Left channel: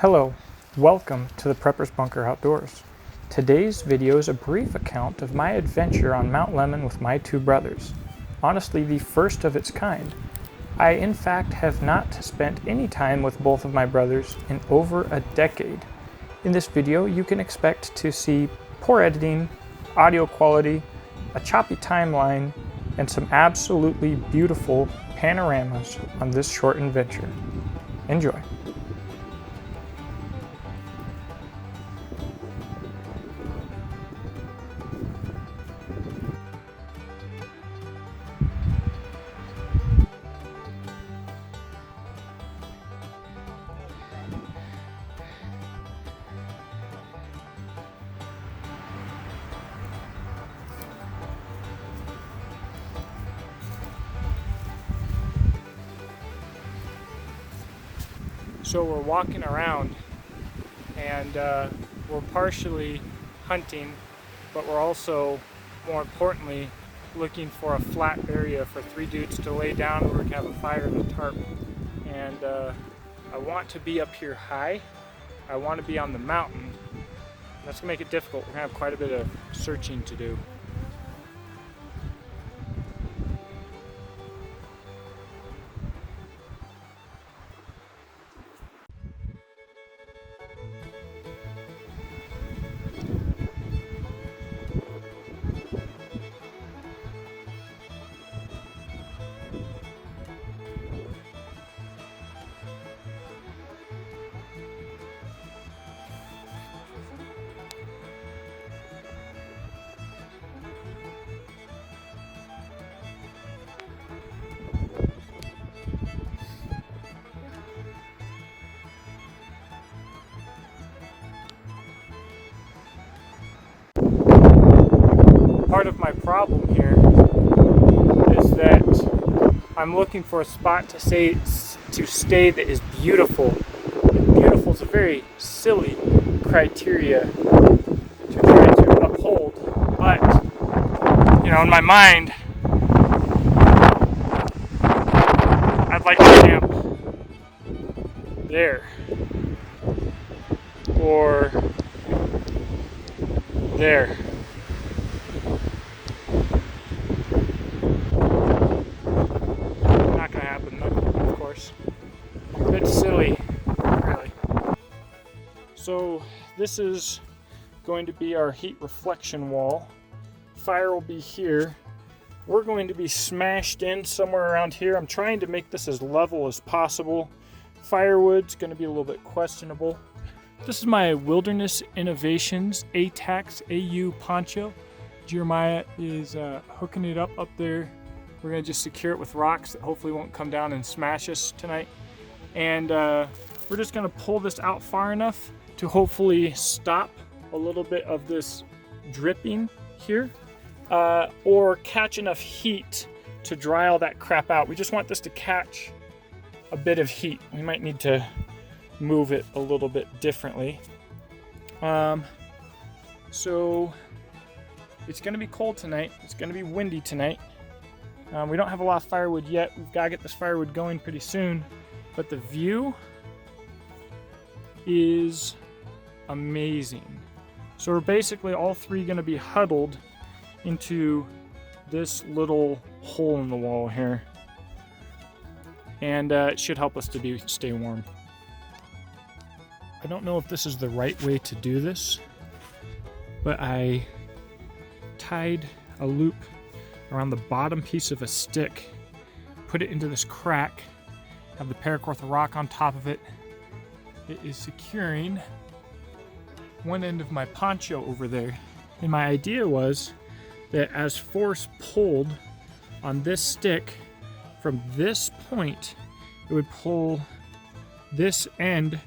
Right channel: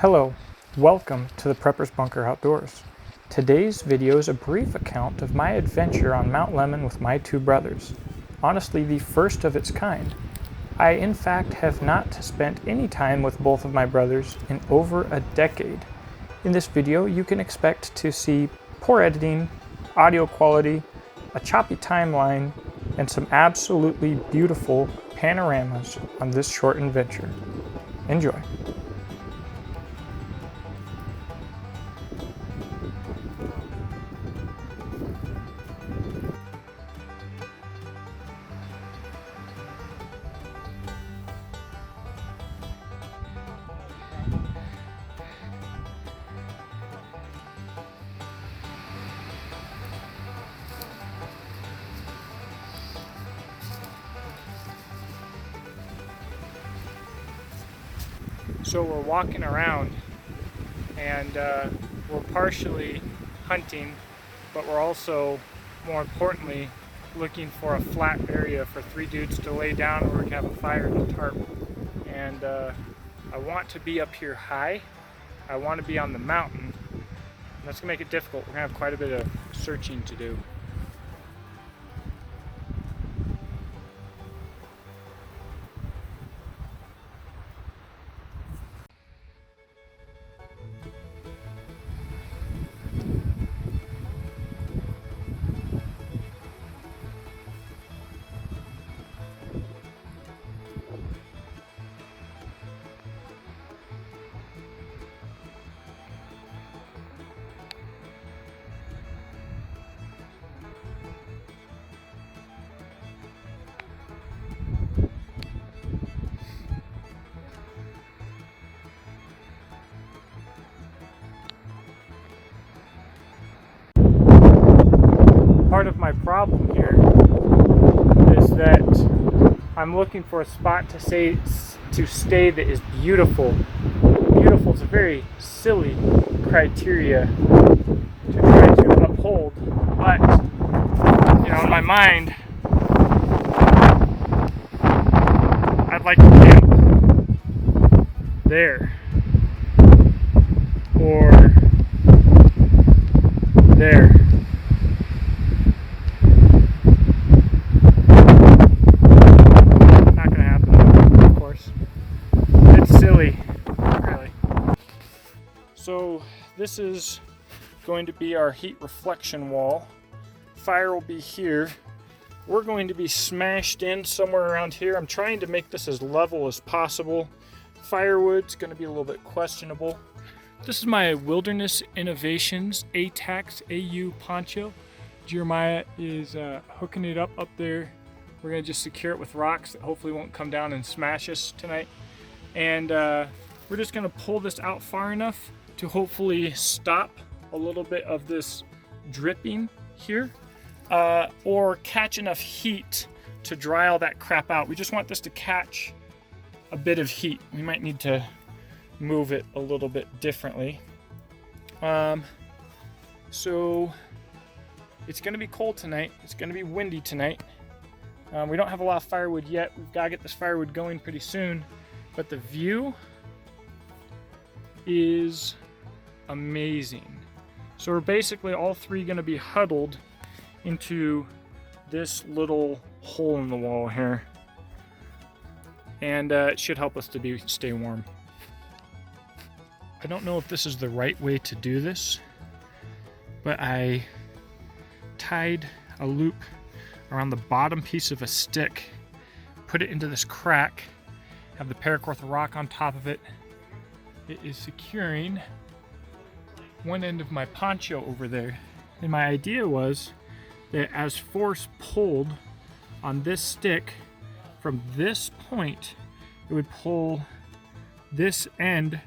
Hello, welcome to the Prepper's Bunker Outdoors. Today's video is a brief account of my adventure on Mount Lemmon with my two brothers. Honestly, the first of its kind. I in fact have not spent any time with both of my brothers in over a decade. In this video, you can expect to see poor editing, audio quality, a choppy timeline, and some absolutely beautiful panoramas on this short adventure. Enjoy. So we're walking around and we're partially hunting, but we're also, more importantly, looking for a flat area for three dudes to lay down where we can have a fire and a tarp. And I want to be up here high. I want to be on the mountain. That's gonna make it difficult. We're gonna have quite a bit of searching to do. Part of my problem here is that I'm looking for a spot to stay that is beautiful. Beautiful is a very silly criteria to try to uphold, but you know, in my mind, I'd like to camp there or there. So this is going to be our heat reflection wall. Fire will be here. We're going to be smashed in somewhere around here. I'm trying to make this as level as possible. Firewood's going to be a little bit questionable. This is my Wilderness Innovations ATAX AU poncho. Jeremiah is hooking it up there. We're going to just secure it with rocks that hopefully won't come down and smash us tonight. And we're just going to pull this out far enough to hopefully stop a little bit of this dripping here, or catch enough heat to dry all that crap out. We just want this to catch a bit of heat. We might need to move it a little bit differently. So it's gonna be cold tonight. It's gonna be windy tonight. We don't have a lot of firewood yet. We've gotta get this firewood going pretty soon, but the view is amazing. So we're basically all three going to be huddled into this little hole in the wall here, and it should help us to stay warm. I don't know if this is the right way to do this, but I tied a loop around the bottom piece of a stick, put it into this crack, have the paracord rock on top of it. It is securing one end of my poncho over there. And my idea was that as force pulled on this stick from this point, it would pull this end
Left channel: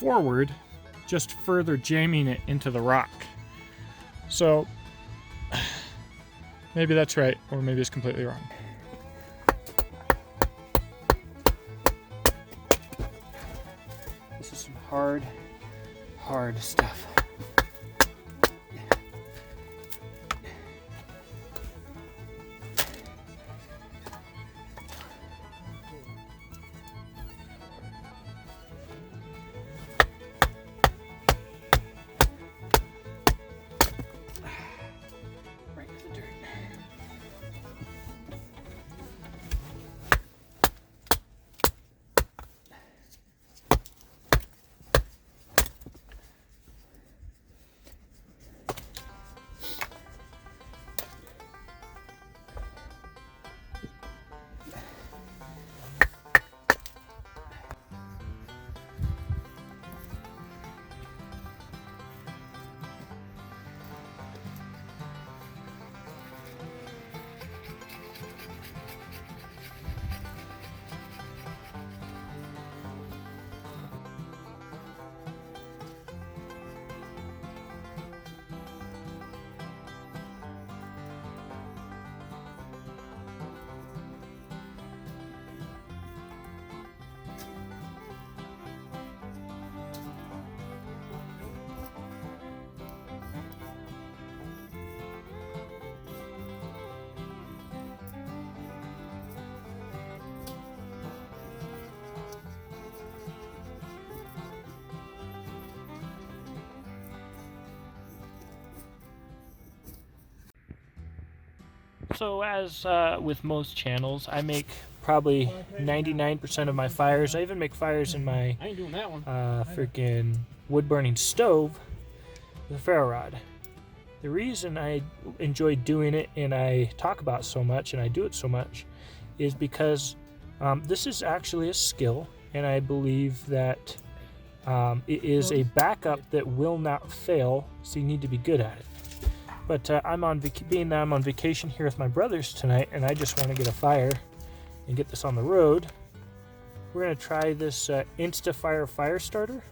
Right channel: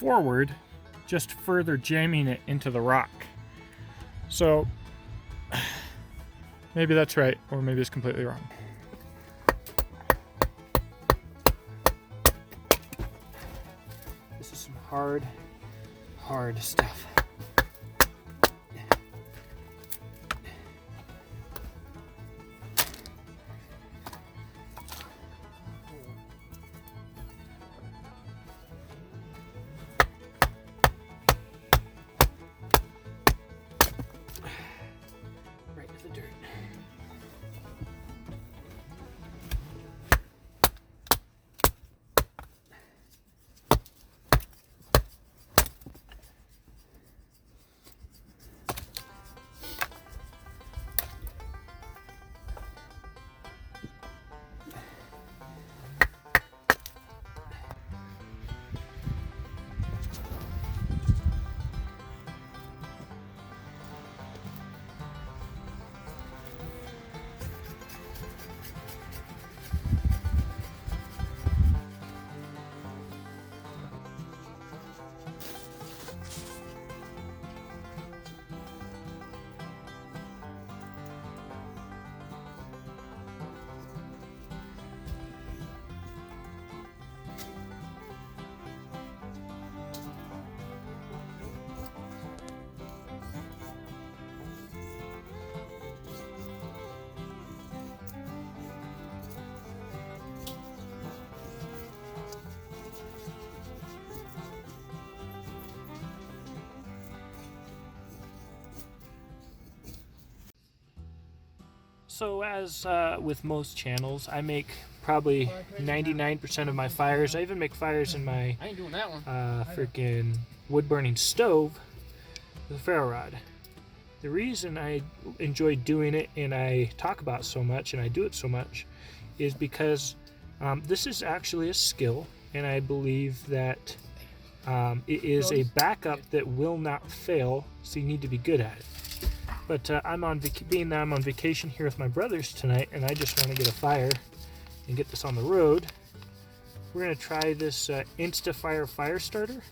forward, just further jamming it into the rock. So maybe that's right, or maybe it's completely wrong. This is some hard stuff. So as with most channels, I make probably 99% of my fires. I even make fires in my I ain't doing that one. freaking wood burning stove with a ferro rod. The reason I enjoy doing it and I talk about it so much and I do it so much is because this is actually a skill, and I believe that it is a backup that will not fail, so you need to be good at it. But being that I'm on vacation here with my brothers tonight, and I just want to get a fire and get this on the road, we're going to try this InstaFire fire starter.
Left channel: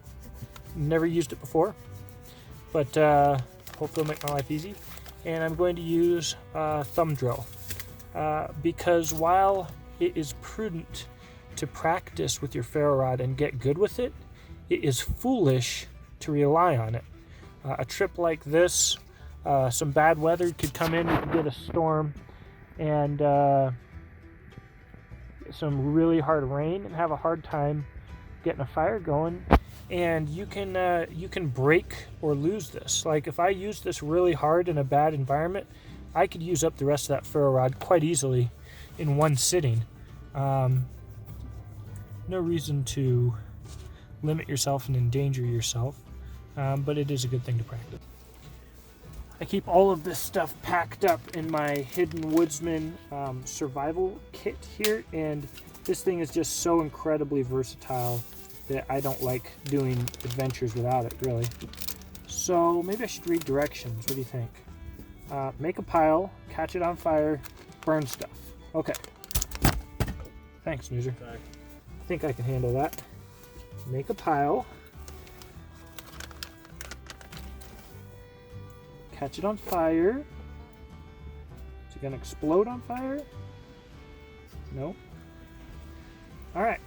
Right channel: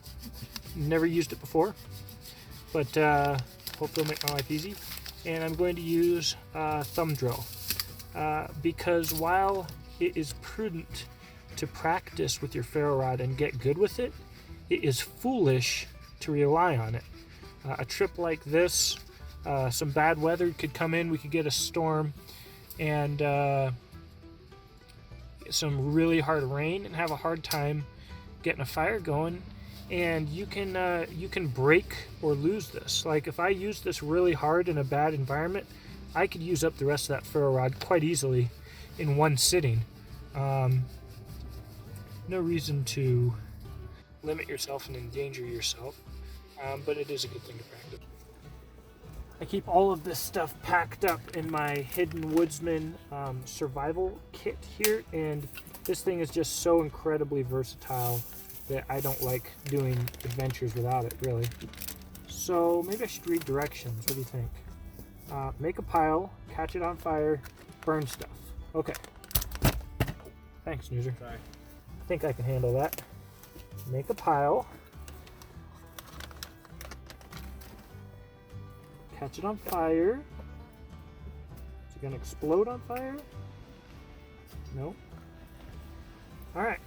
Never used it before, but hopefully it'll make my life easy. And I'm going to use a thumb drill because while it is prudent to practice with your ferro rod and get good with it, it is foolish to rely on it. A trip like this, some bad weather could come in, we could get a storm, and some really hard rain and have a hard time getting a fire going, and you can break or lose this. Like if I use this really hard in a bad environment, I could use up the rest of that ferro rod quite easily in one sitting. No reason to limit yourself and endanger yourself, but it is a good thing to practice. I keep all of this stuff packed up in my Hidden Woodsman survival kit here, and this thing is just so incredibly versatile that I don't like doing adventures without it, really. So maybe I should read directions. What do you think? Make a pile, catch it on fire, burn stuff. Okay. Thanks, Snoozer. Okay. I think I can handle that. Make a pile. Catch it on fire. Is it gonna explode on fire? No. Alright.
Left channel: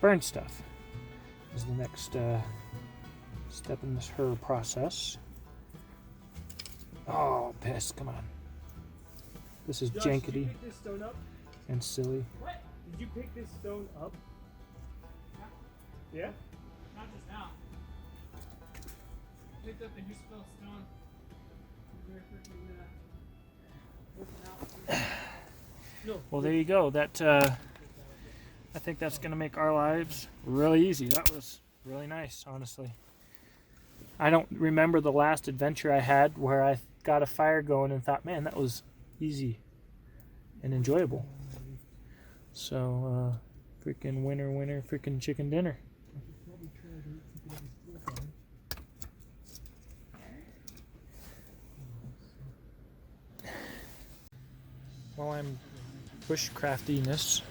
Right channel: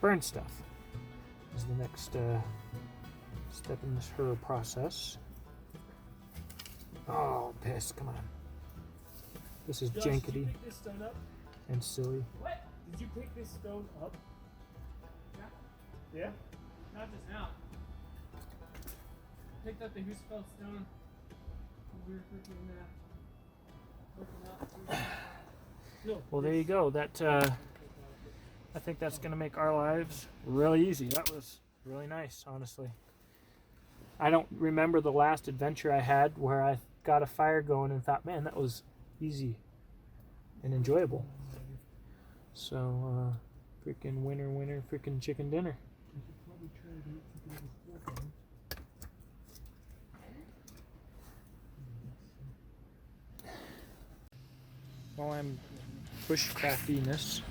Burn stuff is the next step in this her process. Oh, piss, come on. This is Josh, jankety did you pick this stone up? and silly. What? Did you pick this stone up? Yeah? Not just now. Picked up the Husfeld stone. We were freaking looking out. No. Well, there you go. That I think that's going to make our lives really easy. That was really nice, honestly. I don't remember the last adventure I had where I got a fire going and thought, man, that was easy and enjoyable. So, freaking winner, freaking chicken dinner. While I'm bushcrafting this,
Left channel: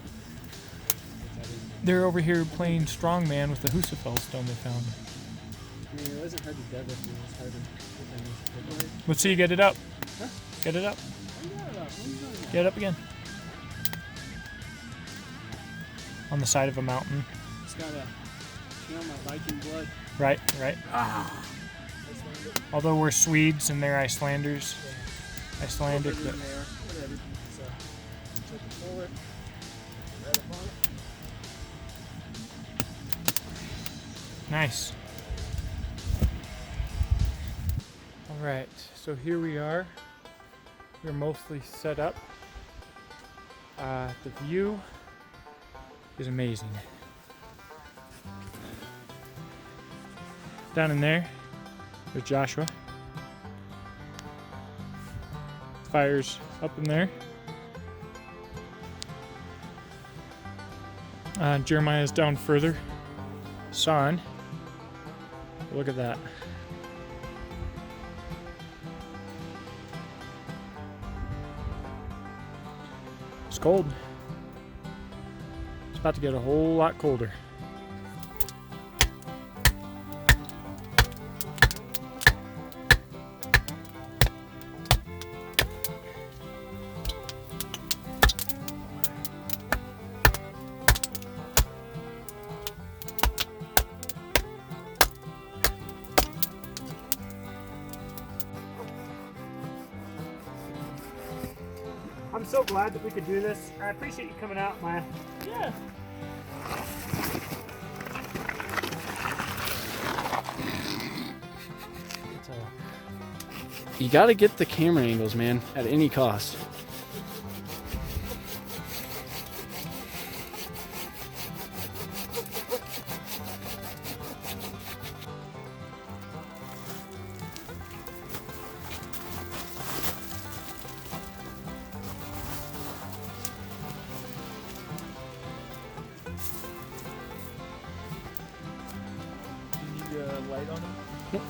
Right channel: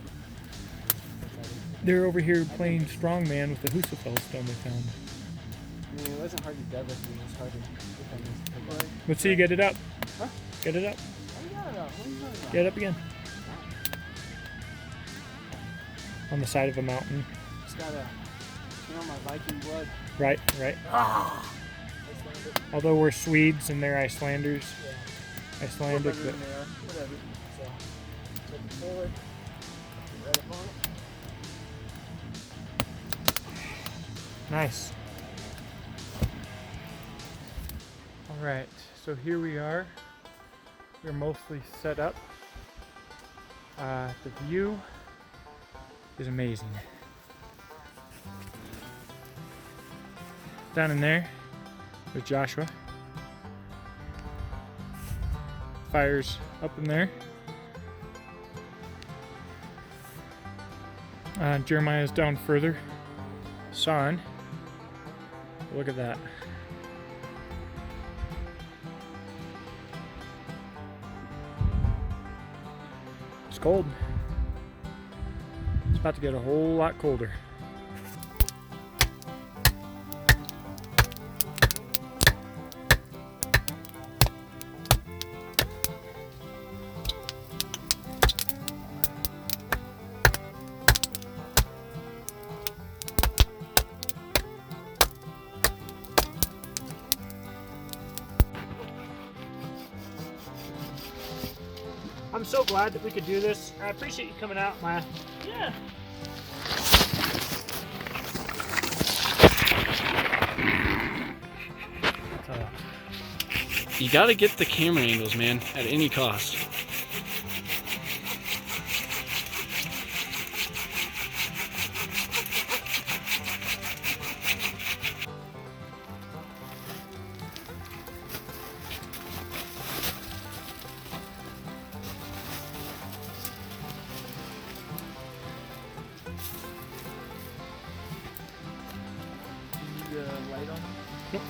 they're over here playing strongman with the Husafeld stone they found. I mean, it wasn't hard to dug with you. It was hard to look on this. Let's see you get it up. Huh? Get it up. Oh, you got it up. What are you talking about? Get it up again. On the side of a mountain. It's got a, my Viking blood. Right. Ah. Although we're Swedes and they're Icelanders. Yeah. Icelandic. Whatever. So, take it forward. Right up on it. Nice. Alright, so here we are. We're mostly set up. The view is amazing. Down in there with Joshua. Fire's up in there. Jeremiah's down further. Son. Look at that. It's cold. It's about to get a whole lot colder. I'm so glad that we could do this. I appreciate you coming out, Maya. Yeah. That's You gotta get the camera angles, man, at any cost. Light on them? Yep.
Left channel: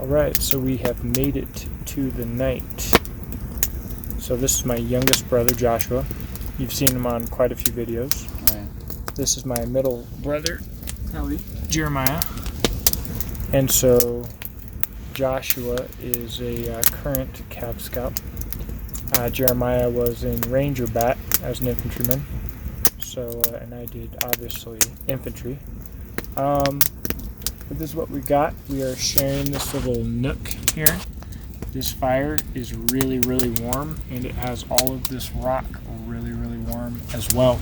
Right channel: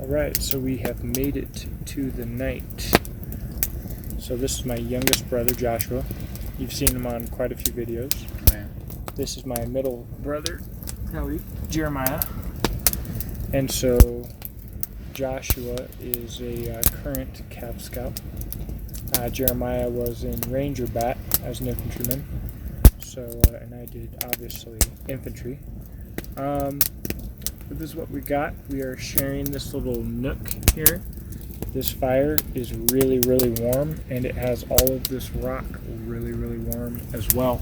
Alright, so we have made it to the night. So this is my youngest brother, Joshua. You've seen him on quite a few videos. Oh, yeah. This is my middle brother, Howdy. Jeremiah. And so Joshua is a current Cav Scout. Jeremiah was in Ranger Bat as an infantryman. So, and I did obviously infantry. But this is what we got. We are sharing this little nook here. This fire is really, really warm, and it has all of this rock really, really warm as well.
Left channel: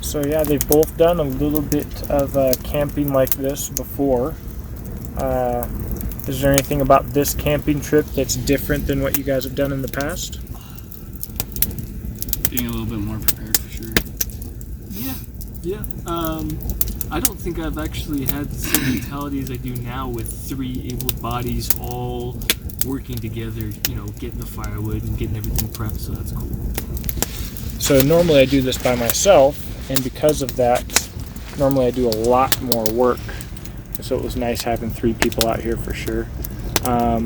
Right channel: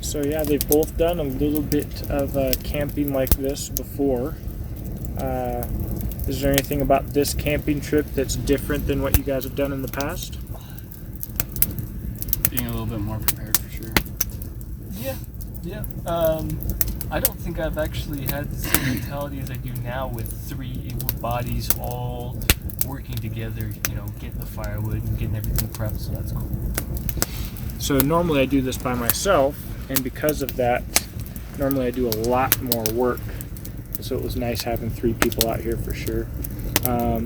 So yeah, they've both done a little bit of camping like this before. Is there anything about this camping trip that's different than what you guys have done in the past? Being a little bit more prepared for sure. Yeah. I don't think I've actually had the same mentality as I do now with 3 able bodies all working together, you know, getting the firewood and getting everything prepped, so that's cool. So normally I do this by myself, and because of that, normally I do a lot more work. So it was nice having 3 people out here for sure. I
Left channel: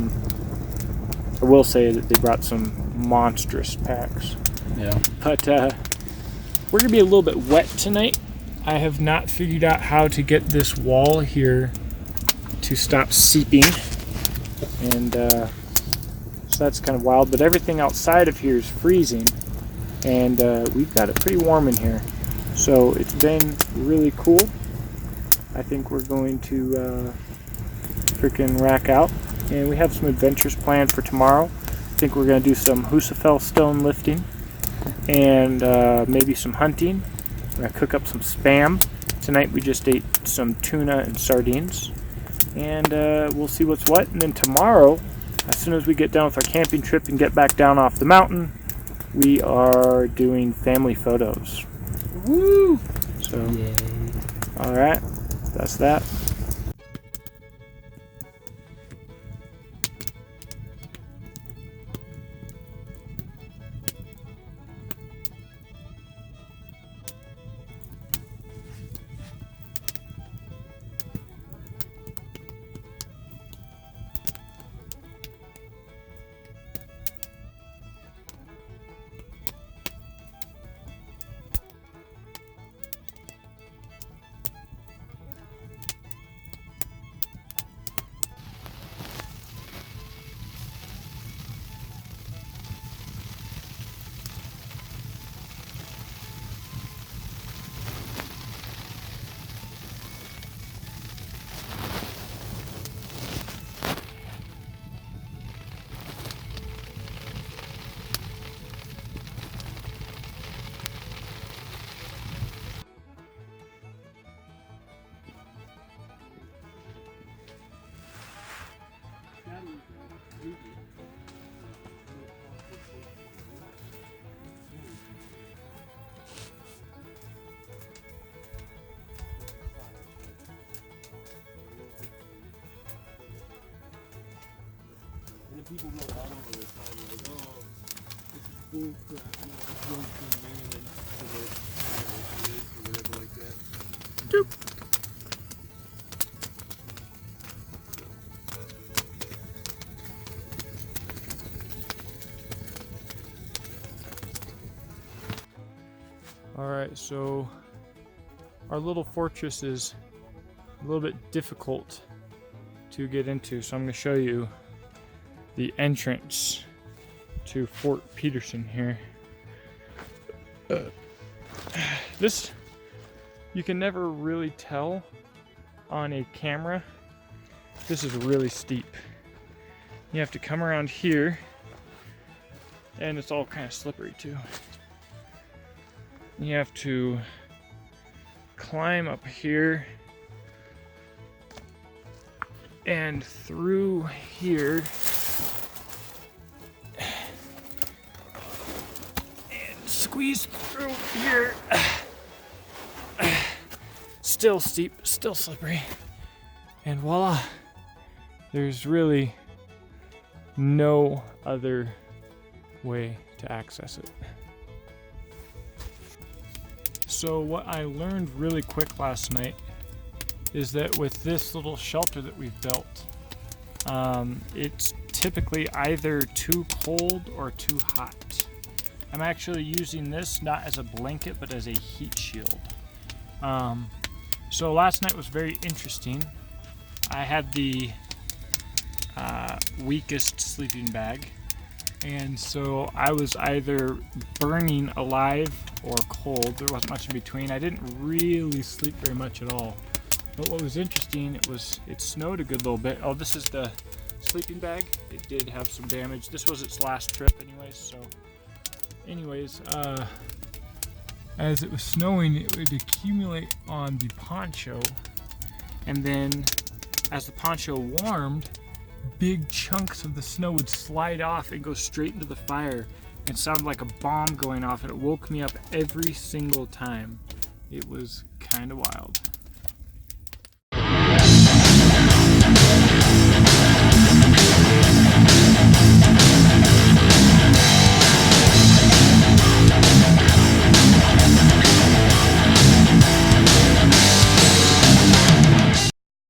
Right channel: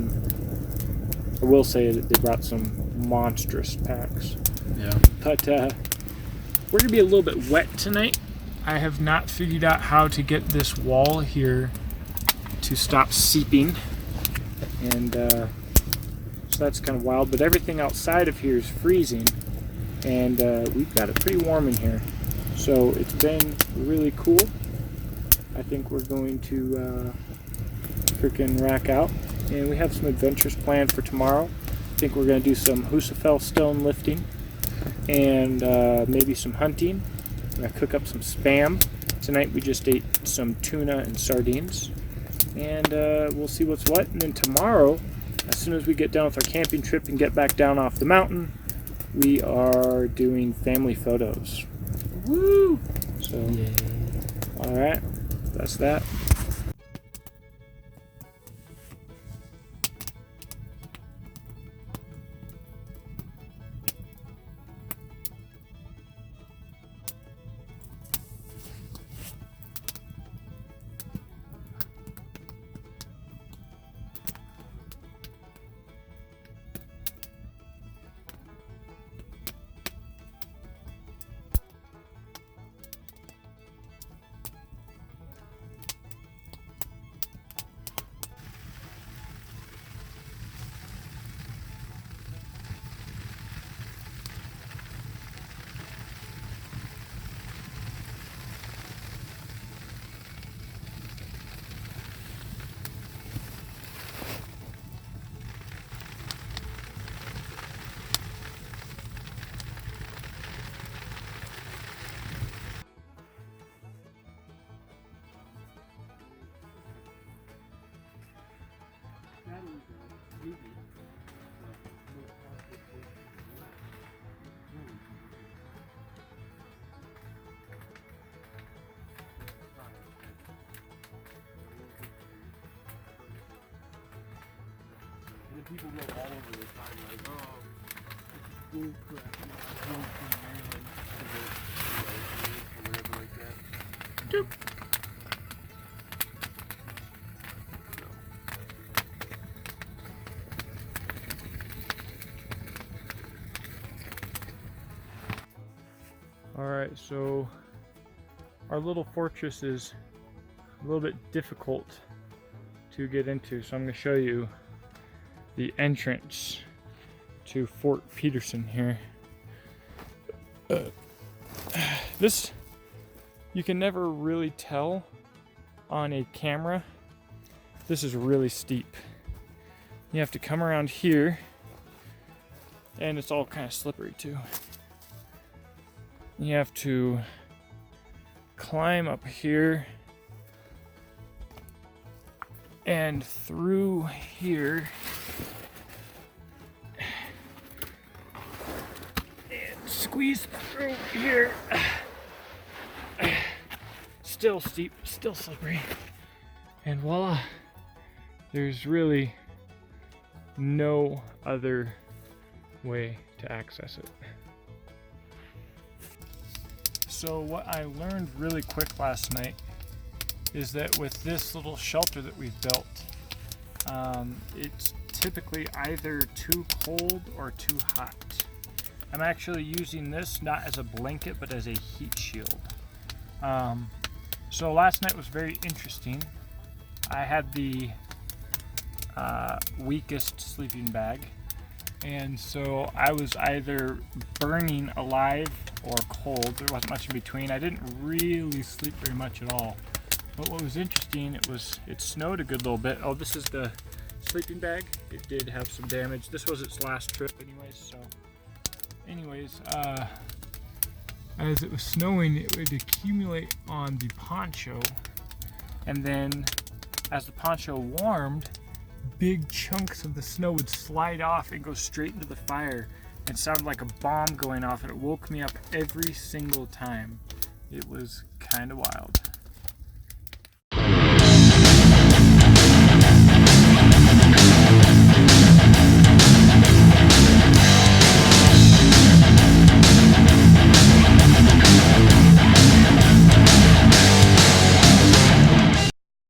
will say that they brought some monstrous packs. Yeah. But we're going to be a little bit wet tonight. I have not figured out how to get this wall here to stop seeping. And so that's kind of wild. But everything outside of here is freezing. And we've got it pretty warm in here. So it's been really cool. I think we're going to freaking rack out. And we have some adventures planned for tomorrow. I think we're going to do some Husafell stone lifting. And maybe some hunting. We're going to cook up some Spam. Tonight we just ate some tuna and sardines. And we'll see what's what. And then tomorrow, as soon as we get done with our camping trip and get back down off the mountain, we are doing family photos. Woo! So, Yay. alright, that's that. People go all over the time like, oh, it's bull crap, you know, bull crap, man, or whatever like that. Doop. Alright, so our little fortress is a little bit difficult to get into, so I'm going to show you the entrance to Fort Peterson here. This, you can never really tell on a camera. This is really steep. You have to come around here, and it's all kind of slippery too. You have to climb up here and through here. And squeeze through here. Still steep, still slippery. And voila, there's really no other way to access it. So what I learned really quick last night is that with this little shelter that we've built, it's typically either too cold or too hot. I'm actually using this not as a blanket but as a heat shield. So last night was very interesting. I had the weakest sleeping bag, and so I was either burning alive or cold. There wasn't much in between. I didn't really sleep very much at all. But what was interesting, it snowed a good little bit. Oh, this is the sleeping bag. It did have some damage. This was its last trip anyways, as it was snowing, it would accumulate on the poncho, and then as the poncho warmed, big chunks of the snow would slide off and go straight into the fire. It sounded like a bomb going off, and it woke me up every single time. It was kind of wild.